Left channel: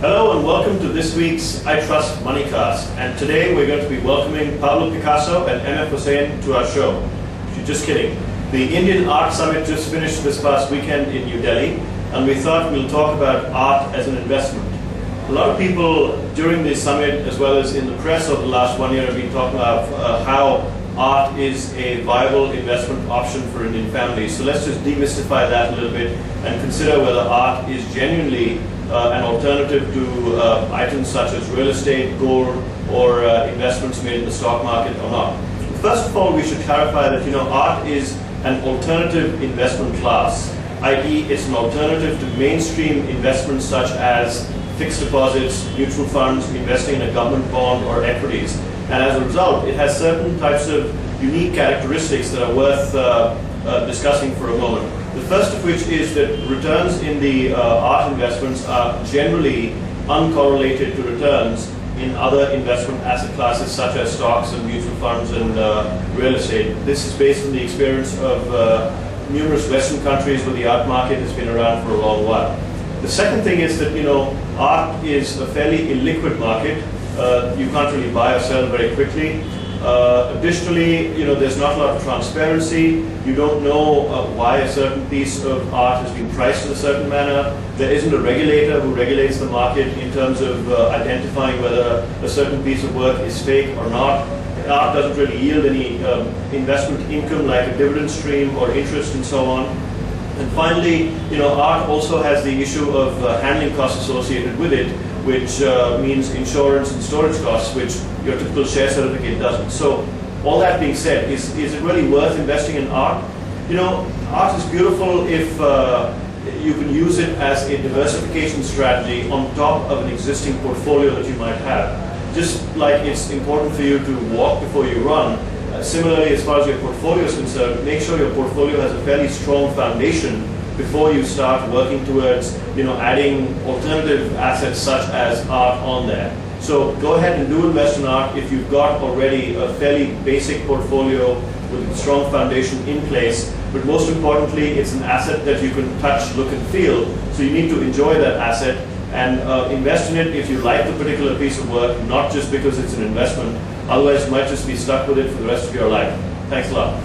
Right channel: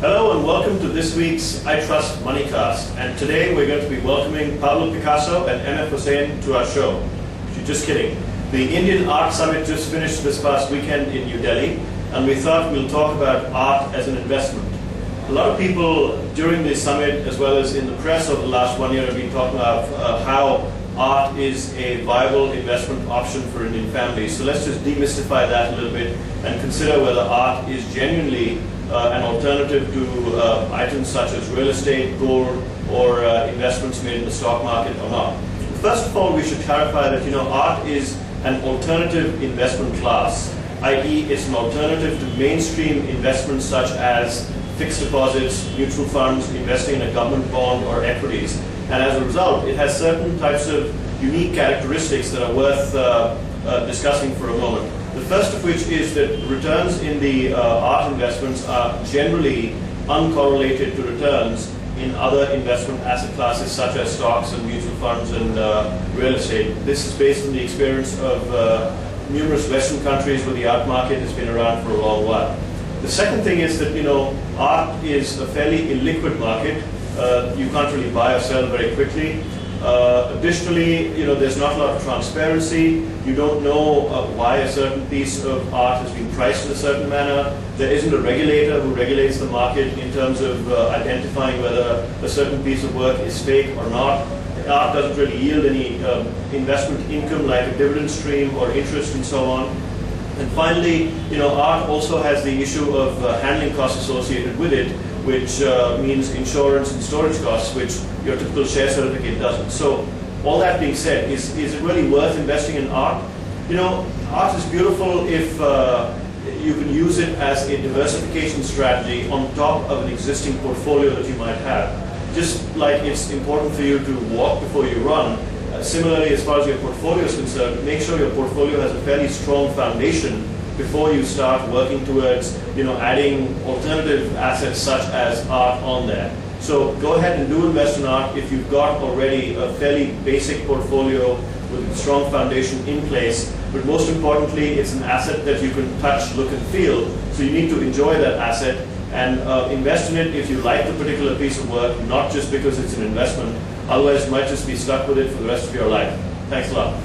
Hello and welcome to this week's I Trust Moneycast. And today we're going to be welcoming Pablo Picasso and MF Hussain to our show. Just kidding. The Indian Art Summit just finished this past weekend in New Delhi, and we thought we'll talk about art as an investment. A lot of people during the summit, as well as in the press over the last 1 year, have been talking about how art is a viable investment option for Indian families. So let's just demystify that a little bit and consider whether art is genuinely an alternative to items such as real estate, gold, or investments made in the stock market or not. First of all, we should clarify that art is an alternative investment class, i.e. it's an alternative to mainstream investments such as fixed deposits, mutual funds, investing in a government bond or equities. And as a result, it has certain types of unique characteristics that are worth discussing for a moment. The first of which is that returns in the art investments are generally uncorrelated to returns in other investment asset classes such as stocks and mutual funds and real estate. This is based on the experience of numerous Western countries where the art market has been around for a long while. The second thing is that art is a fairly illiquid market. You can't really buy or sell very quickly. Additionally, there's not a lot of transparency. You don't know why a certain piece of art has been priced in a certain manner. There isn't a regulator who regulates the market in terms of identifying whether a certain piece of work is fake or not. Art doesn't really yield any investment income like a dividend stream or interest and so on. And finally, art also has the issue of handling costs associated with it, which means insurance and storage costs, which your typical share certificate doesn't. So all that being said, is it really worth investing in art? Art is beautiful if you can use it as a diversification strategy on top of an existing portfolio that you might have. Just like it's important for you to walk before you run, similarly, as far as your portfolio is concerned, make sure your portfolio has a fairly strong foundation before you start working towards adding alternative assets such as art on there. So go ahead and do invest in art if you've got already a fairly basic portfolio with a strong foundation in place. But most importantly, it's an asset that you can touch, look and feel. So you need to enjoy that asset and invest in it if you like the particular piece of work, not just because it's an investment. Otherwise, you might just be stuck with it for the rest of your life. Thanks a lot.